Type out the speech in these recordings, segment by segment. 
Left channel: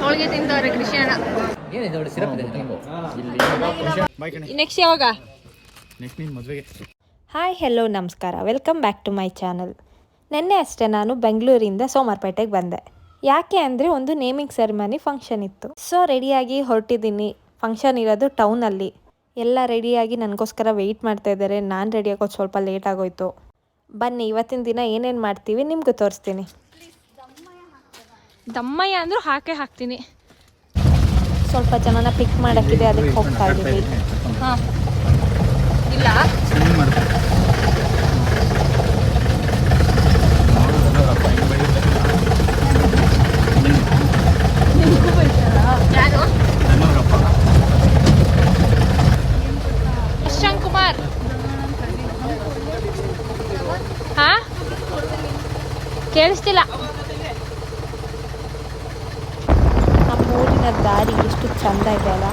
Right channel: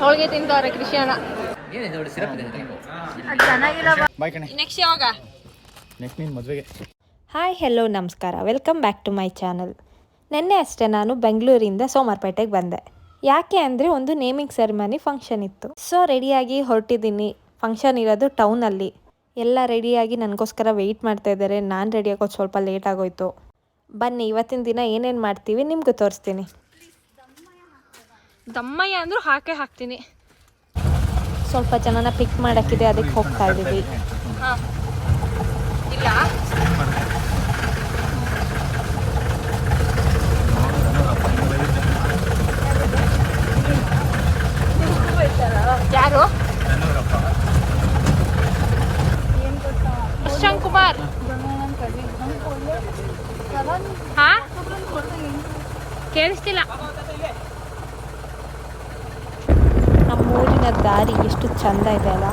ಹೋಳಿಗೆ ತಿಂತವ್ರೆ ಕೃಷ್ಣ. ನೆಕ್ಸ್ಟ್ ಯಾವಾಗ? ನೆಕ್ಸ್ಟ್ ನೀನು ಮದುವೆಗೆ. ಹಾಯ್ ಹೆಲೋ ನಮಸ್ಕಾರ, welcome back to my channel. ನಿನ್ನೆ ಅಷ್ಟೇ ನಾನು ಬೆಂಗಳೂರಿಂದ ಸೋಮವಾರಪೇಟೆಗೆ ಬಂದೆ. ಯಾಕೆ ಅಂದರೆ ಒಂದು ನೇಮಿಂಗ್ ಸೆರೆಮನಿ ಫಂಕ್ಷನ್ ಇತ್ತು. ಸೊ ರೆಡಿಯಾಗಿ ಹೊರಟಿದ್ದೀನಿ. ಫಂಕ್ಷನ್ ಇರೋದು ಟೌನಲ್ಲಿ. ಎಲ್ಲ ರೆಡಿಯಾಗಿ ನನಗೋಸ್ಕರ ವೆಯ್ಟ್ ಮಾಡ್ತಾ ಇದ್ದಾರೆ. ನಾನು ರೆಡಿ ಆಗೋದು ಸ್ವಲ್ಪ ಲೇಟ್ ಆಗೋಯ್ತು. ಬನ್ನಿ ಇವತ್ತಿನ ದಿನ ಏನೇನು ಮಾಡ್ತೀವಿ ನಿಮಗೂ ತೋರಿಸ್ತೀನಿ. ದಮ್ಮಯ್ಯ ಅಂದರೂ ಹಾಕ್ತೀನಿ. ಸ್ವಲ್ಪ ಜನನ ಪಿಕ್ ಮಾಡೋಕ್ಕಿದೆ, ಅದಕ್ಕೆ ಹೋಗ್ತಾ ಇದ್ದೀವಿ. ಹಾಂ ಇಲ್ಲ ಯಾರು? ಶಶಾಂಕ್ ಕುಮಾರ್. ಹಾ ಕೇಳಿಸ್ತಿಲ್ಲ. ನಮ್ಮೂರಿನ ದಾರಿ ಎಷ್ಟು ಚಂದ ಇದೆ ಅಲ್ಲ.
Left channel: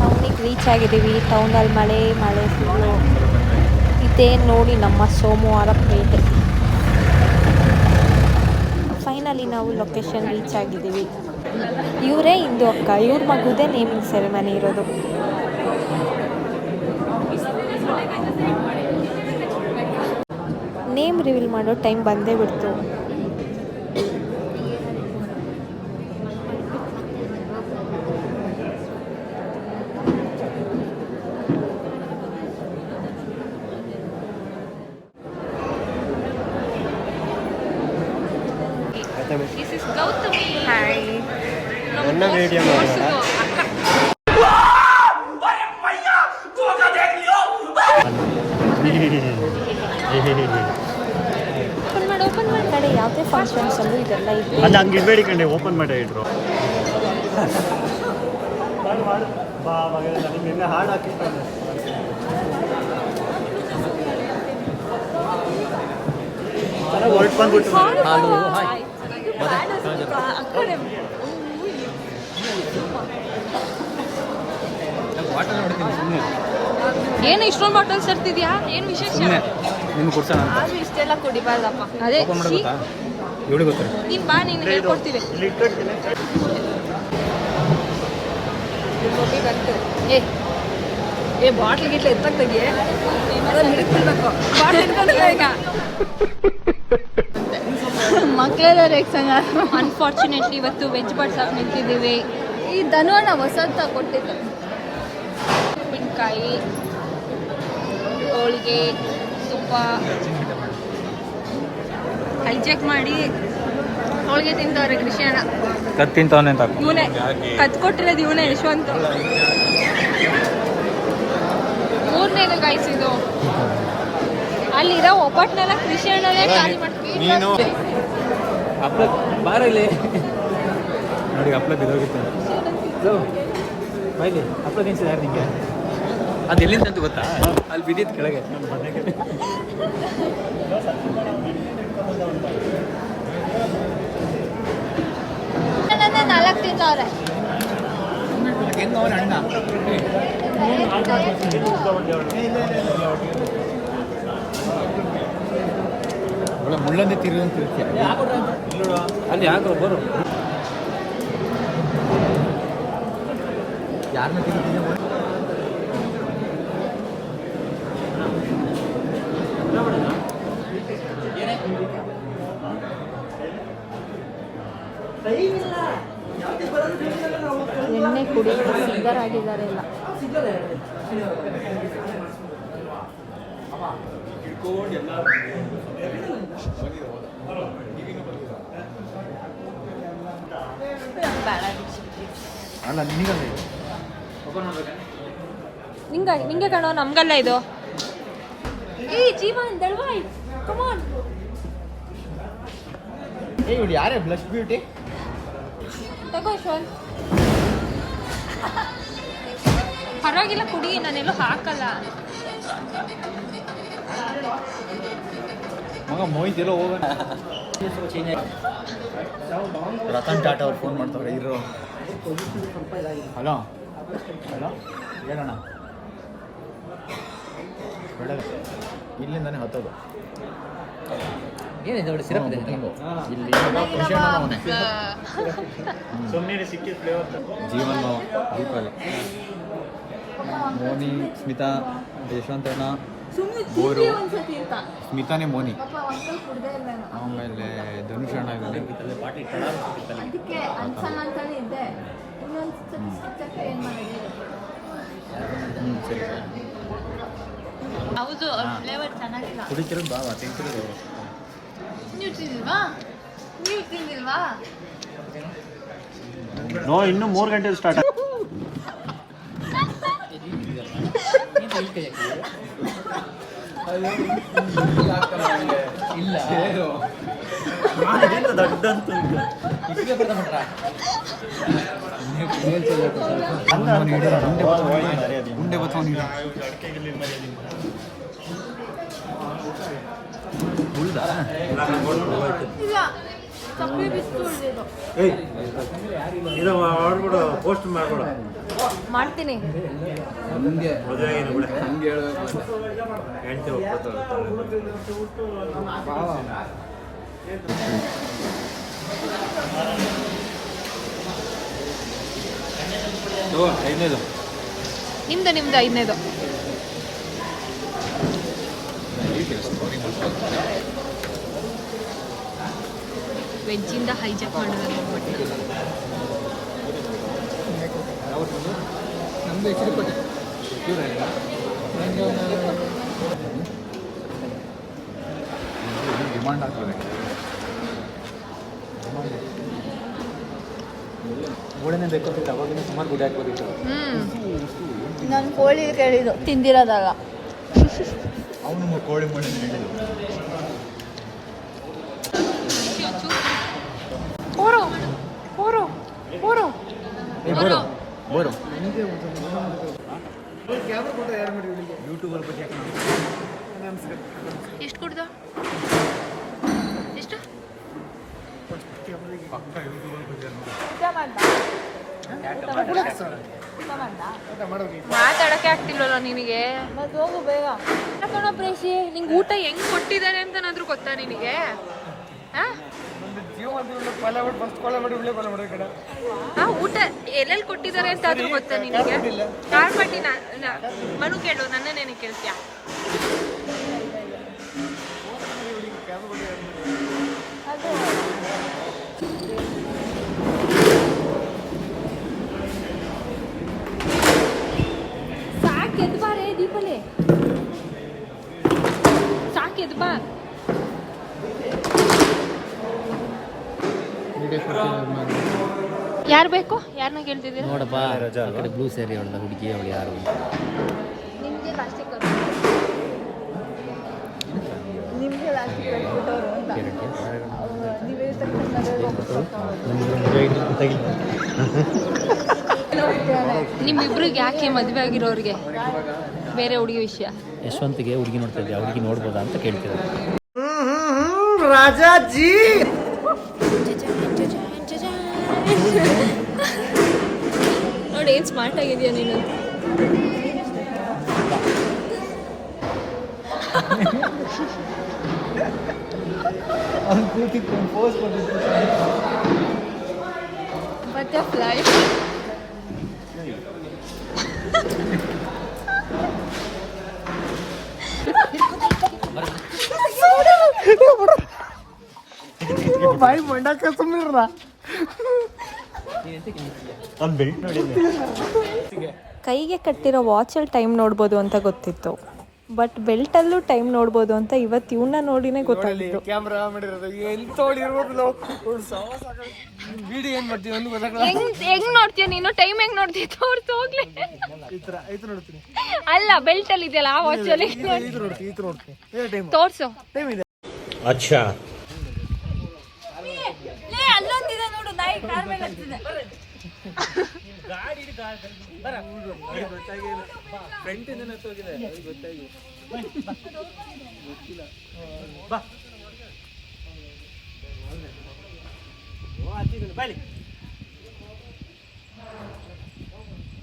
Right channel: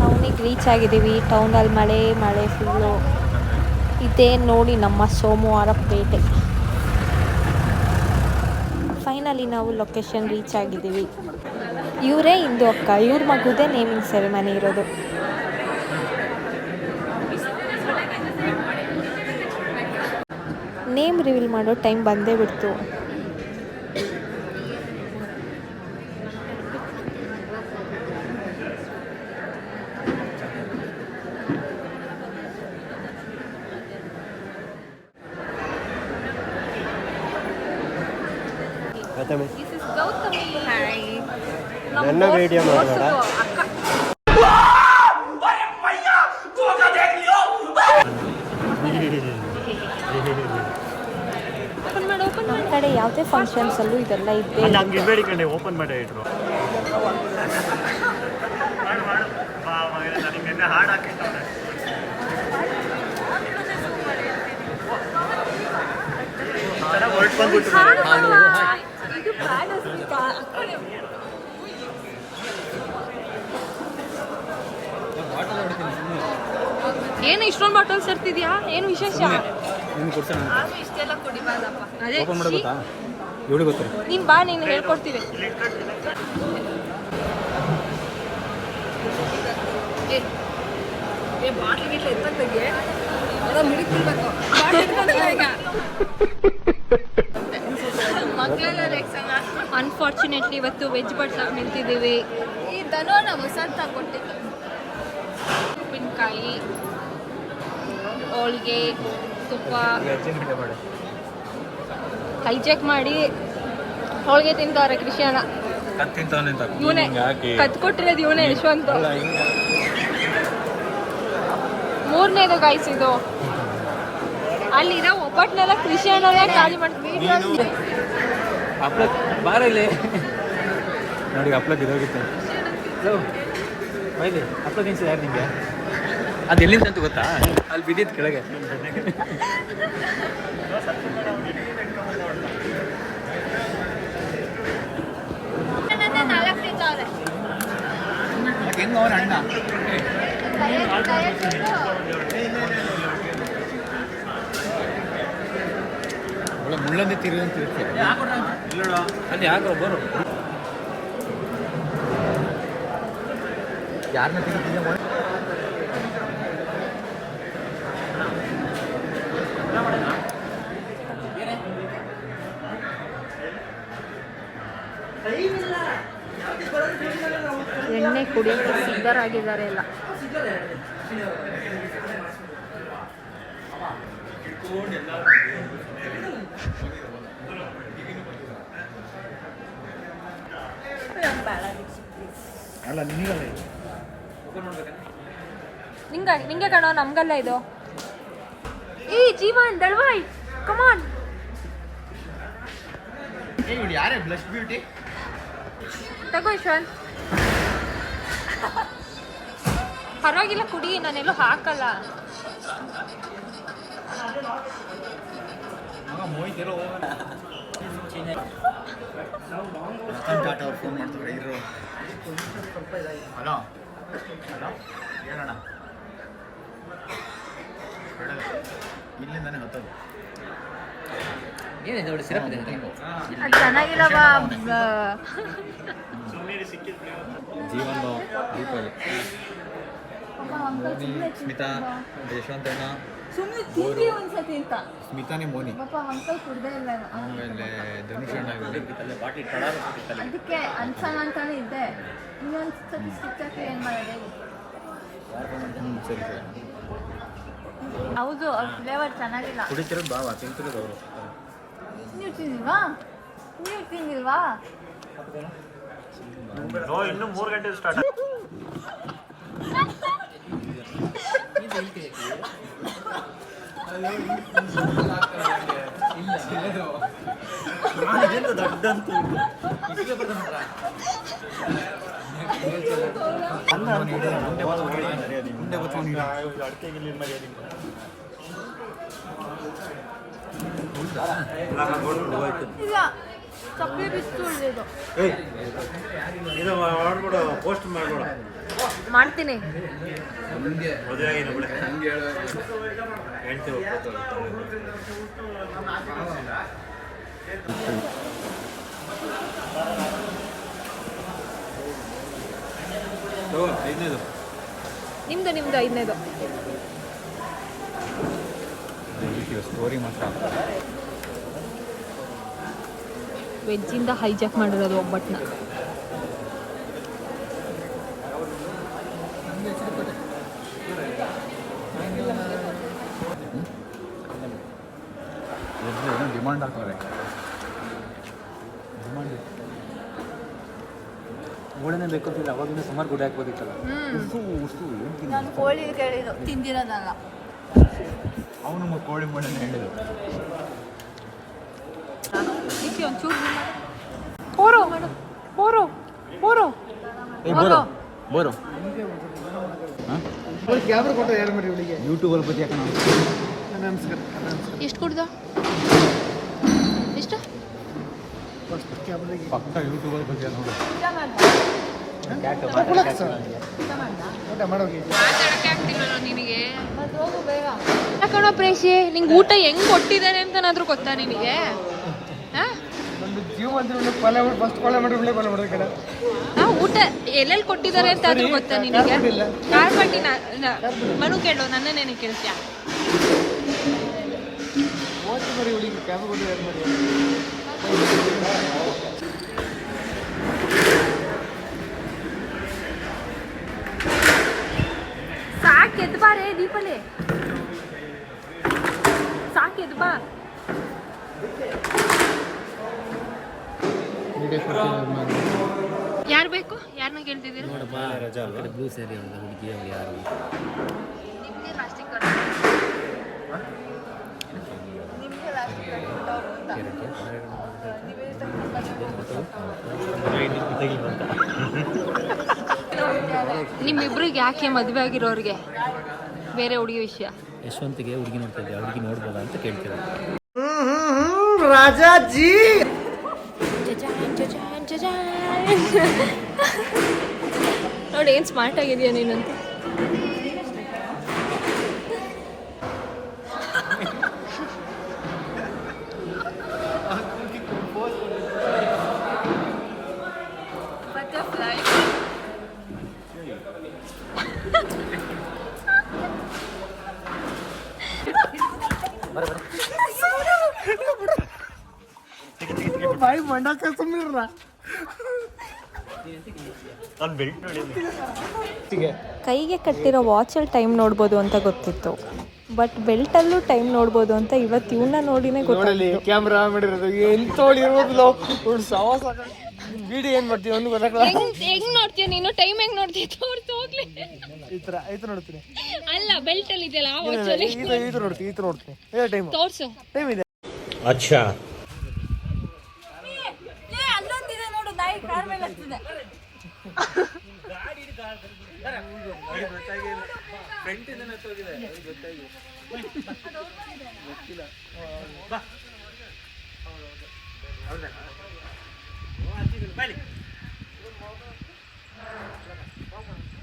ಟೌನಿಗೆ ರೀಚ್ ಆಗಿದ್ದೀವಿ. ಟೌನಲ್ಲಿ ಮಳೆ ಫುಲ್ಲು. ಇದೇ ನೋಡಿ ನಮ್ಮ ಸೋಮವಾರಪೇಟೆ. ಫೈನಲಿ ನಾವು ಲೊಕೇಶನ್ ರೀಚ್ ಆಗಿದ್ದೀವಿ. ಇವರೇ ಇಂದು ಅಕ್ಕ, ಇವ್ರ ಮಗುದೇ ನೇಮಿಂಗ್ ಸೆರೆಮನಿ ಇರೋದು. ನೇಮ್ ರಿವೀಲ್ ಮಾಡೋ ಟೈಮ್ ಬಂದೇ ಬಿಡ್ತು. This is Gautami. Hi. ನಮ್ಮ ಮೋರ್ಸುದು ಅಕ್ಕ. ನಮ್ಮ ಕಡೆ ಯಾವುದೇ ಫಂಕ್ಷನ್ಸಲ್ಲೂ ಇದೆಲ್ಲ ಇದೆ. ಹಂಗೆ ಇಡಬೇಡಿ ಕಂಡೆ, ಓಪನ್ ಮಾಡಿ ಇಟ್ರು. ಹಾಡು ಹಾಕಿರ್ತಾರೆ. ಹೊರಟು ಬಂದ್ಬಿಟ್ಟು ಏನು ಇಷ್ಟೊಂದು ಬಾಟಲ್ಸ್ ತರ್ತಿದ್ಯಾ? ಏನು ವಿಶೇಷ? ನಿಮ್ಗೆ ಕೊಡ್ಸೋಣ ಅಂತ. ಇಷ್ಟೆಲ್ಲ ಕುಡಿಬಾರ್ದಪ್ಪ. ಅದೇ ಇವಳು ಗೊತ್ತಾರೆ. ನೀನು ಬಾ, ನೀನು ಹೇಳ್ಕೊಡ್ತೀವಿ. ಏ ಬಾಟ್ಲ್ ಗಿಟ್ಲ ಎತ್ತಾಗ್ತಿದೆಯೇ? ಮಿಡಿಕ್ಬಿಡ್ಬೇಕು. ಬಾಟ್ಲ್ ಇಟ್ಕೊಂಡಿಲ್ಲ ಈಗ. ಅನ್ಫಾರ್ಚುನೇಟ್ಲಿ ಇವತ್ತು ವೆಜ್ ಬಡ್ಸಕ್ಕೆ ನಿಂತಿದ್ದೀವಿ. ಈ ಧನುವನ್ನ ಹೊಸದ ಕೊಟ್ಟಿದ್ದೆ. ಉಪ್ಪಿನಕಾಯಿ, ಹೋಳಿಗೆ, ತುಪ್ಪ ಹೈಜೆಕ್ ಮಾಡಿ ಹೋಳಿಗೆ ತಿಂತವ್ರೆ ಕೃಷ್ಣ. ಇವನೇ ಕತ್ಕೊಟ್ಟಿರೋದು, ಇವನೇ ಯಶವಂತ. ಮೂರನೇದು ಗಾಯ್ಸ್ ಇದು. ಅಲ್ಲಿರೋ ಒಬ್ಬಟ್ಟನೆಲ್ಲ ಕೃಷ್ಣನೇ ಖಾಲಿ ಮಾಡ್ತೀವಿ. ನೀನು ಬಾರ ಇಲ್ಲಿ ನೋಡಿ, ಹಪ್ಳಕ್ಕೆ ಇದಾಗಿತ್ತು. ಬೈಲಿ ಹಪ್ಳ ತಿನ್ಸಿದ ಯಾರು ನಿಮಗೆ? ಅದು ಎಲ್ಲಿಂದ ಅಂತ ಗೊತ್ತಾ? ಅಲ್ಲಿ ಬಿದ್ದಿದ್ದು ಕೆಳಗೆ. ಹೆಂಗ ಅವನ ಅಣ್ಣ ಒಳ್ಳೆ ಮುಳ್ಳಂದೆ ತಿರುಗಿರ್ತೀಯ ಅಲ್ಲಿ. ಯಾಕೆ ಬರು ಯಾರನ್ನ ತೆಗಿತಿದ್ದೆ? ಎಣ್ಣೆ ಕುಡಿಯೋಕ್ಕೆ ಸಿದ್ಧರಾಗಿದ್ದಾರೆ ಎಲ್ಲ. ಅಲ್ಲ ನಿನಗಲ್ಲ ನಿಂಗೆ ಕಾಣೋ, ನಮ್ಗಲ್ಲ ಇದು. ಏ ಜೀವನ್ ದಳ್ವಾಯ್, ಕಮಾನ್. ಏ ಇವಳು ಯಾರೇ ಬ್ಲಶ್ ಬ್ಯೂಟಿ? ತಗೋ ಯಶವಂತ್. ಪರವಾಗಿಲ್ಲ ಕುಡಿ, ನಾನೆಲ್ಲೂ ಹಾಕಲ್ಲ. ಮೋಹಿತ್ ಎಲ್ಲೋ ಹೋಗೋಣ. ರತನ್ ಟಾಟಾ ಅವ್ರು ಫೋನ್ ಮಾಡ್ತಾರೆ ಇರೋ. ಹಲೋ ಹೇಳೋಣ. ಇಲ್ಲಿಂದಾನೆ ಹೊತ್ತೋದು. ಏನಿದೆ ಒಳ್ಳೆ ಸಿರಪ್ ಇದೆ. ಜೀವನ್ ಭಾವ, ದೀಪಾಲಿ, ಮೋನಿ, ಸ್ಮಿತಾ, ಯಶವಂತಣ್ಣ, ಬೋರು, ಸ್ಮಿತಾನೇ ಮೋನಿ, ಆಮೇಲೆ ಧನುಷ್ ಅಣ್ಣ ಇದ್ದಾನೆ. ಸರಿ ಹೌದು ಫ್ಲೇವರ್ ಚೆನ್ನಾಗಿಲ್ಲ. ಕುಡಿತಿರೋದು ಭಾವ, ತಿಂತಿರೋದು ಅವರು. ನೀವು ತಿಂದಿಲ್ವಾ? ನೀವು ತಿಂದಿಲ್ವಾ? ಇನ್ನೂ 3 ಗಂಟೆ ಸ್ಟಾರ್ಟ್. ಮುಂದೆ ಬರ್ತಾವ ಇದು ಮಾಡ್ಬಿಡು, ಪೋಸ್ಟ್ ಮಾಡ್ಬಿಡು. ಮಾಡ್ತೀನಿ. ಮದುವೆ ಆಗಿನ ಬಿಡ ಹೆಂಡತಿ ಒಪ್ಪತ್ತು. ಐದನೇದು ನಿಮ್ದು ಐದನೇದು. ವೆಜ್ಜಿಂದ ಹೈಜಾಕ್ ಮಾಡಿರೋದು ಒಬ್ಬಟ್ಟನ್ನ. ಡಿಮಾಂಡ್ ಹಾಕಿದೆ. ಗೋಳೆನೇ ಬೇಕಾದ್ರೆ ಅವಾಗ ಸುಮಾರು ಗುಡಿ ಹಾಕ್ಬೇಕಿತ್ತು. ನಾನು ಕೋಳಿ ಕೇಳಿದ್ದು ತಿಂದಿರೋದಾಗ ಅವನು ಕೋಳಿ ಮಾಡಿ ಯೂಟ್ಯೂಬರ್ ಬಗ್ಗೆ ಎಷ್ಟು ಕುಡ್ದ? ಎಷ್ಟು? ಪಕ್ಕ ಯೂಟ್ಯೂಬರ್ ಬಗ್ಗೆ ಮಾತಾಡಕ್ಕೆ ಆಗ್ತಿಲ್ವಲ್ಲ ನಿನಗೆ? ಯಾಕಣ ಪ್ರೇಷಿ, ನಿಂಗೆ ಊಟ ಹೆಂಗ್ ಕೊಟ್ಟಿದ್ದಾರೆ ಅಂತನಾದ್ರೂ ಗೊತ್ತಾ ನಿನಗೆ? ಊಟ ಎಲ್ಲೆಲ್ಲಿ ಕೊಟ್ಟಿದ್ದಾರೆ ಅಂತ ಆದ್ರೂ ಗೊತ್ತಾ ನಿನಗೆ? ಕಾರ್ಪಟ್ಟಿ ಮನು ಕೇಳು, ನನ್ನನ್ನೇನೆ ಕೇಳ್ತೀಯ? ಸಾಕ್ ಎದ್ದು ಬಾರೇ ದೀಪಲೆ, ಸಾಕ್ ಎದ್ದು ಬಾ. ಯಾರು ಬೇಕು? ಯಾರನ್ನ ಕೇಳ್ತಿದ್ದೀರಾ? ನೋಡಪ್ಪ, ಬ್ಲೂ ಸ್ಯಾರಿ ಅವಳ ಹುಡುಗಿ, ಅವಳು ಯಾರು? ನಿಮ್ಮಿಬ್ರಿಗೆ ಯಾಕೆ ಮದುವೆ ಆಗಿರೋರಿಗೆ ಬೇರೆ ಹುಡುಗಿ ವಿಷಯ? ಯಶವಂತಿಗೆ ಹುಡುಗಿ ನೋಡ್ತಾ ಇದ್ದೆ, ಹುಡುಗಿ ನೋಡ್ಬೋದಾ ಅಂತ ಕೇಳ್ತಿದ್ದಾರೆ. ರಾಜಾಜಿ ನೋಡಿ ಏನ್ ಸ್ಮಾರ್ಟ್ ಆಗಿದೆಯಾ ನೀನು. ಬಟರ್ಫ್ಲೈ ಬಾಯಿ ಮಂಡಕ್ಕ ಸುಮ್ಮನಿರ. ಕೈಗೆ ಕಟ್ಟಿರೋ ವಾಚಲ್ಲಿ ಟೈಮ್ ನೋಡ್ಬೋದು ಅಂತ ಗೊತ್ತಿತ್ತು, ಬಟ್ ಬೆಲ್ಟಲ್ಲೂ ಟೈಮ್ ನೋಡ್ಬೋದು ಅಂತ ಇವತ್ತು ಇವನ್ನ ನೋಡಿನೇ ಗೊತ್ತಾಗಲಿ. ಕ್ಯಾಮ್ರಾ ಮಾಡಿರೋದು ಎಂತ ಇರ್ಬೋದು. ವಿಡಿಯೋ ಏನ್ ಮಾಡ್ತೀವಿ ಒಂದು ಗೊತ್ತಾಗಲ್ಲ. ಹೆಂಗ್ ನೋಡ್ತೀಯ ನೀನು? ಟೈಮ್ ಹೆಂಗ್ ನೋಡ್ತೀಯ? ತೋರ್ಸು ಹೋಗ್ಲಿ. ಈ ತರ ನೋಡ್ತೀನಿ. ಅಲ್ಲ, ಬೆಲ್ಟ್ ಅಲ್ಲಿ ಇದೆಯಲ್ಲ ಆ ವಾಚ್ ಅಲ್ಲಿ ನೋಡ್ತೀನಿ. ತೋರ್ಸು. ಟೈಮ್ ಇದೆ. ಅಚ್ಚಾ, ಅಲ್ಲೊಂದಿದೆ ನೋಡು, ನಾಯಿ ಕಾರ್ ಮೇಲೆ ಹತ್ತಿದೆ. ಬಾಯ್ಲಿ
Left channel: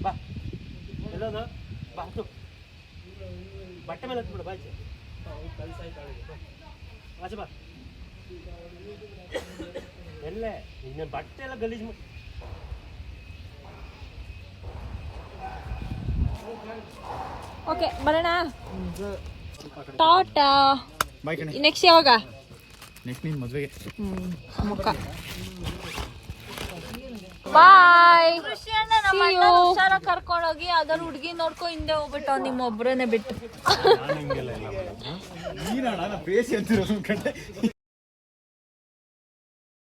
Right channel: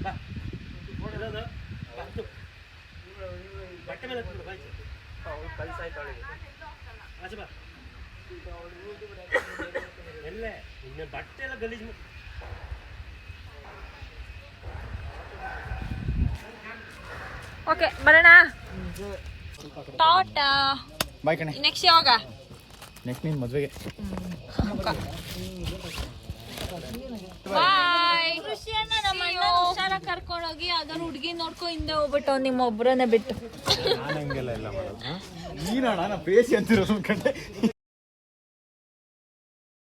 ಬಾ ಎಲ್ಲೋದು ಬಾ ಹತ್ತು ಬಟ್ಟೆ ಮೇಲೆ ಹತ್ತು ಬಿಡು ಬಾಯ್ತು ಆಚೆ ಬಾ ಎಲ್ಲೇ ಇನ್ನು ಬಟ್ಟೆ ಎಲ್ಲ ಗಲೀಜು ಓಕೆ ಬರೋಣ. ಟಾಟಾ. ಬಾಯ್ ಕಣೆ. ನೆಕ್ಸ್ಟ್ ಯಾವಾಗ? ನೆಕ್ಸ್ಟ್ ನೀನು ಮದುವೆಗೆ. ಬಾಯ್. ನಮ್ಮ ಅಣ್ಣ ಹುಷಾರ ಕರ್ಕೊಂಡೋಗಿ ಯಾವ್ದಾದ್ರು ಹುಡುಗಿ ನೋಡ್ಕೊ ಹಿಂದೆ ಹೋಗ್ಬಿಟ್ಟು ನಿಮ್ಮ ಒಬ್ಬರನ್ನೇ ಬಿಟ್ಟು ನಾನು ಹಂಗೆಲ್ಲ ಎಲ್ಲ ಮಾಡೋದು. ನೀನಣ್ಣ ನಾ ಬೇಸಿ ಅಂತಿರೋದು ಕಂಡೆ.